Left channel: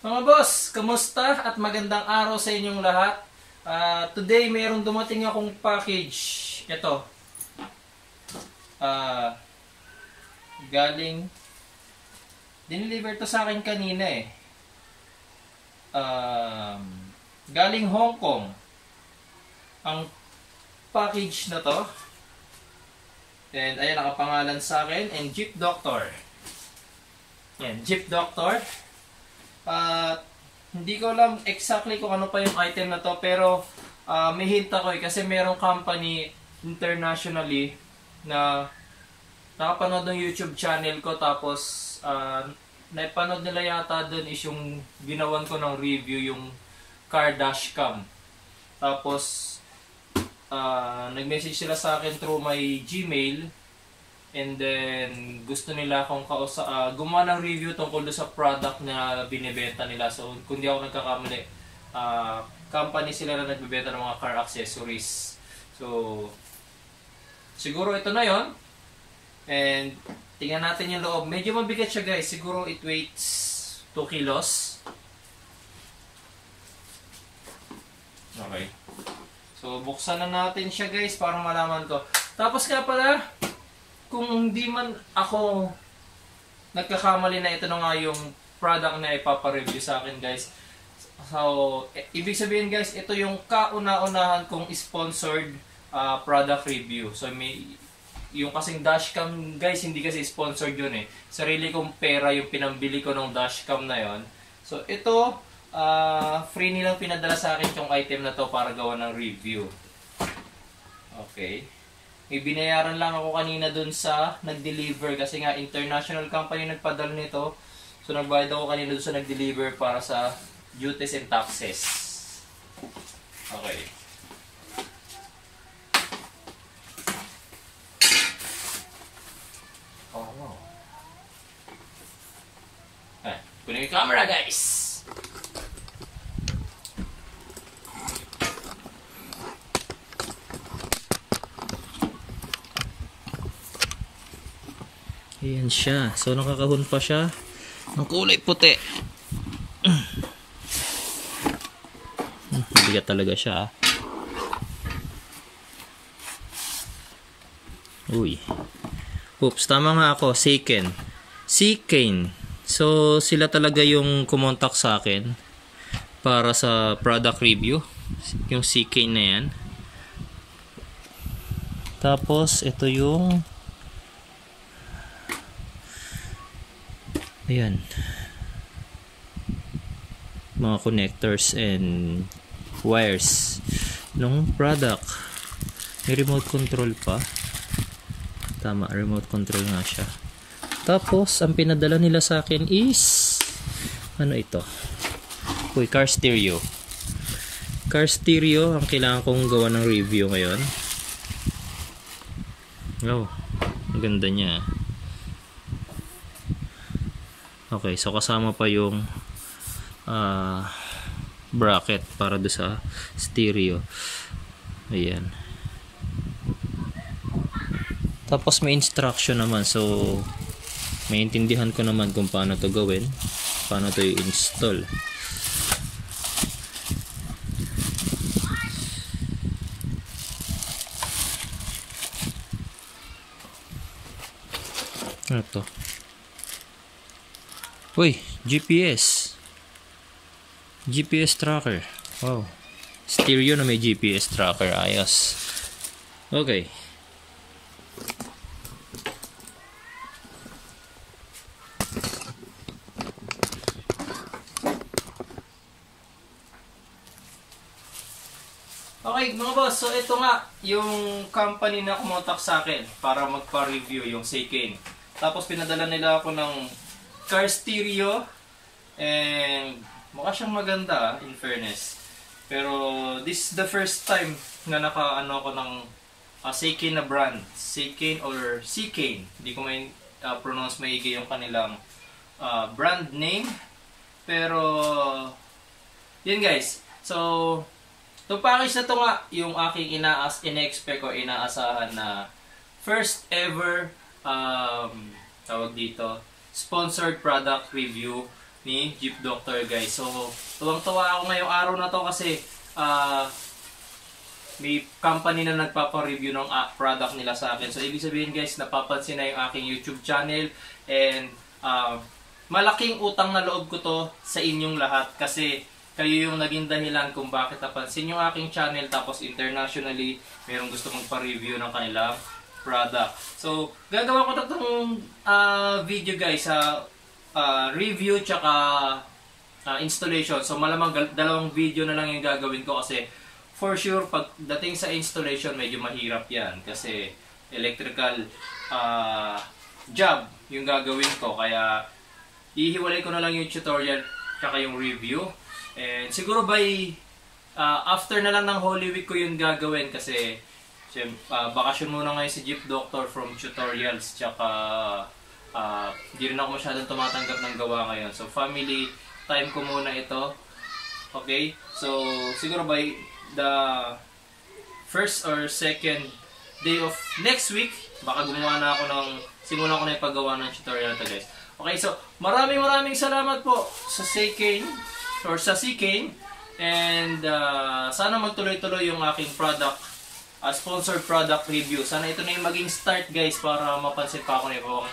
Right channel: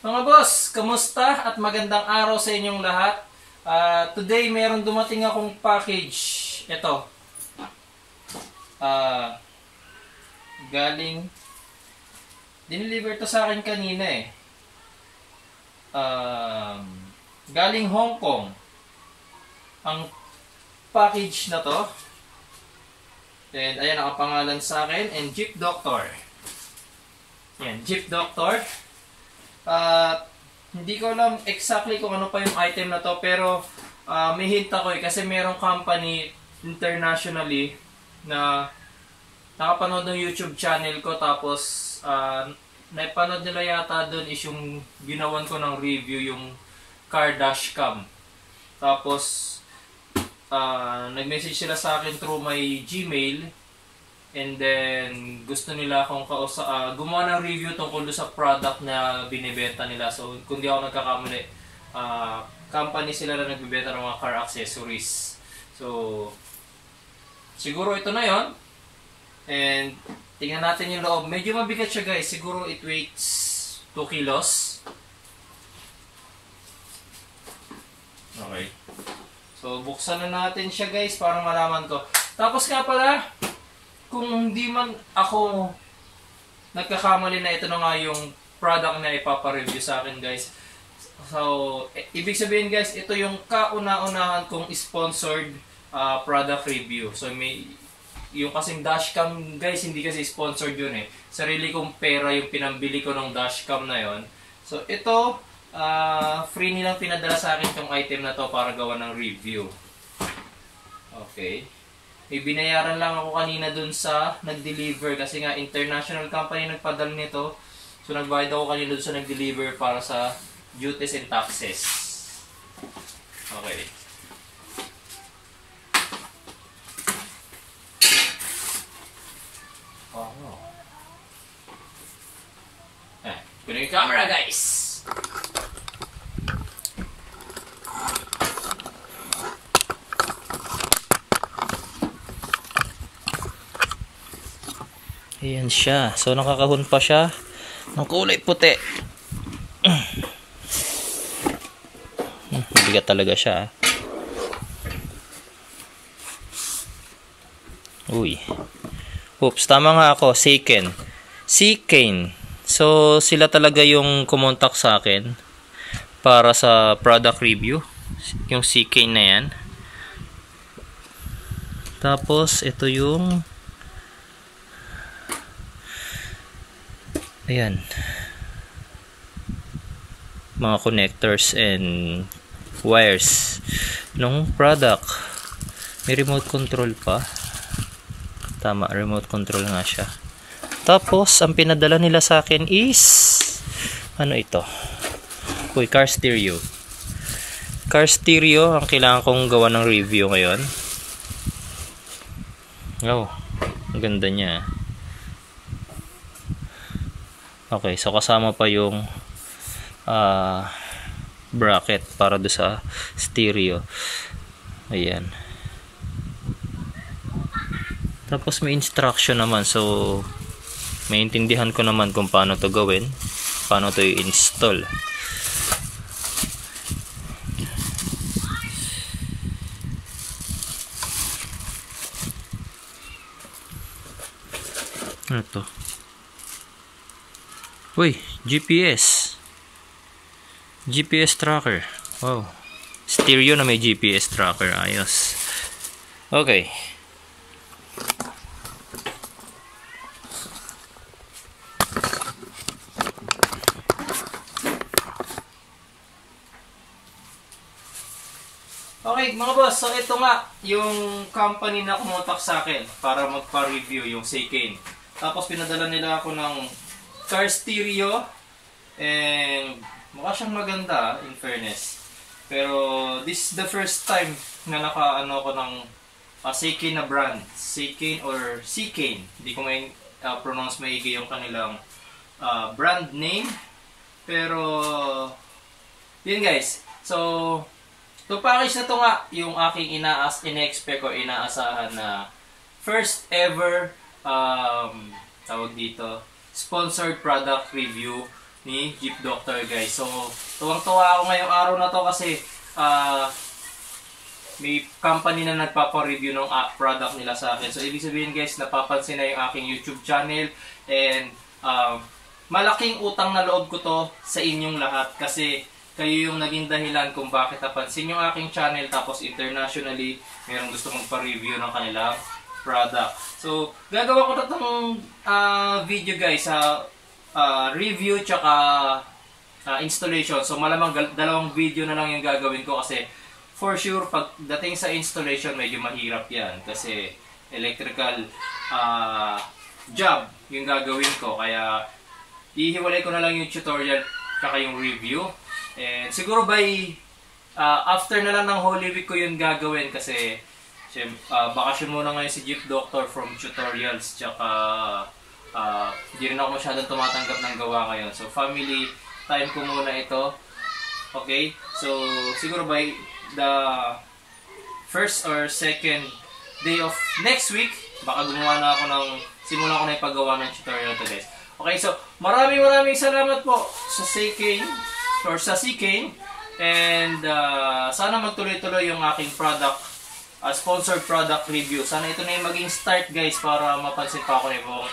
Mga boss, kamusta at magandang araw sa inyong lahat. Today, mayroong dumating akong package. Ito. Galing. Dineliver to sa akin kanina eh. Galing Hong Kong. Ang package na to. And ayan, nakapangalan sa akin. And Jeep Doctor. Yan, Jeep Doctor. Hindi ko alam exactly kung ano pa yung item na to, pero may hint ako kasi merong company internationally na nakapanood ng YouTube channel ko, tapos napanood nila yata doon is yung ginawan ko ng review, yung car dashcam. Tapos nag-message sila sa akin through my Gmail. And then, gusto nila akong gumawa ng review tungkol sa product na binibenta nila. So, kung di ako nagkakamali, company sila na nagbibenta ng mga car accessories. So, siguro ito na yon. And, tingnan natin yung loob. Medyo mabigat siya guys. Siguro it weighs 2 kilos. Okay. So, buksan na natin siya guys para malaman ko. Tapos nga pala, kung hindi man ako nagkakamali na ito na nga yung product na ipapareview sa akin guys. So, ibig sabihin guys, ito yung kauna-unahan kong sponsored product review. So, yung kasing dashcam guys, hindi kasi sponsored yun eh. Sarili kong pera yung pinambili ko ng dashcam na yon. So, ito, free nilang pinadala sa akin yung item na to para gawa ng review. Okay. May binayaran lang ako kanina dun sa nag-deliver kasi nga international company nagpadala nito. So nagbayad ako kanina dun sa nag-deliver para sa duties and taxes. Okay. Oh no. Kunin yung camera guys! Ayan siya. So nakakahon pa siya ng kulay puti. Bigat talaga siya. Uy. Oops, tama nga ako. Seikane. So sila talaga yung kumontak sa akin para sa product review. Yung Seikane na yan. Tapos ito yung ayan, mga connectors and wires nung product. May remote control pa. Tama, remote control nga siya. Tapos ang pinadala nila sa akin is ano ito? Uy, car stereo. Car stereo ang kailangan kong gawa ng review ngayon. Oh, ang ganda niya. Okay, so kasama pa yung bracket para do sa stereo. Ayan. Tapos may instruction naman, so maintindihan ko naman kung paano to gawin, paano to i-install. Ano to? Uy, GPS tracker. Wow, stereo na may GPS tracker. Ayos. Okay. Okay mga boss, so ito nga yung company na kumontak sa akin para magpa-review, yung Seikane. Tapos pinadala nila ako ng car stereo, and mukha siyang maganda in fairness. Pero this is the first time na naka-ano ko ng Seikane na brand. Seikane or Seikane. Hindi ko may pronounce maigi yung kanilang brand name. Pero yun guys. So itong package na to nga yung aking ina-expect ko, inaasahan na first ever tawag dito, sponsored product review ni Jeep Doctor guys. So tuwang-tuwa ako ngayong araw na to kasi may company na nagpapa-review ng product nila sa akin. So ibig sabihin guys, napapansin na yung aking YouTube channel, and malaking utang na loob ko to sa inyong lahat kasi kayo yung naging dahilan kung bakit napansin yung aking channel, tapos internationally mayroong gusto mong pa-review ng kanilang product. So gagawa ko itong video guys sa review tsaka installation. So malamang dalawang video na lang yung gagawin ko kasi for sure pagdating sa installation medyo mahirap yan kasi electrical job yung gagawin ko, kaya ihiwalay ko na lang yung tutorial tsaka yung review, and siguro by after na lang ng Holy Week ko yun gagawin kasi bakasyon muna ngayon si Jeep Doctor from tutorials, tsaka hindi rin ako masyadong tumatanggap ng gawa ngayon, so family time ko muna ito. Okay, so siguro by the first or second day of next week baka gumawa na ako simulan ko na ipagawa ng tutorial to guys. Okay, so maraming salamat po sa CKane or sa CKane, and sana magtuloy-tuloy yung aking product sponsored product review. Sana ito na yung maging start guys para mapansin pa ako na ibang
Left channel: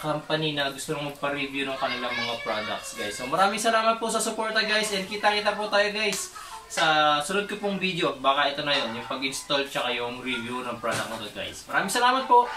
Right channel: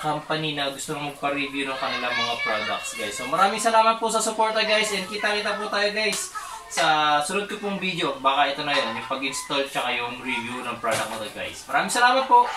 company na gusto nang magpa-review ng kanilang mga products guys. So maraming salamat po sa suporta guys, and kita-kita po tayo guys sa sunod ko pong video. Baka ito na yon, yung pag-install tsaka yung review ng product na to guys. Maraming salamat po!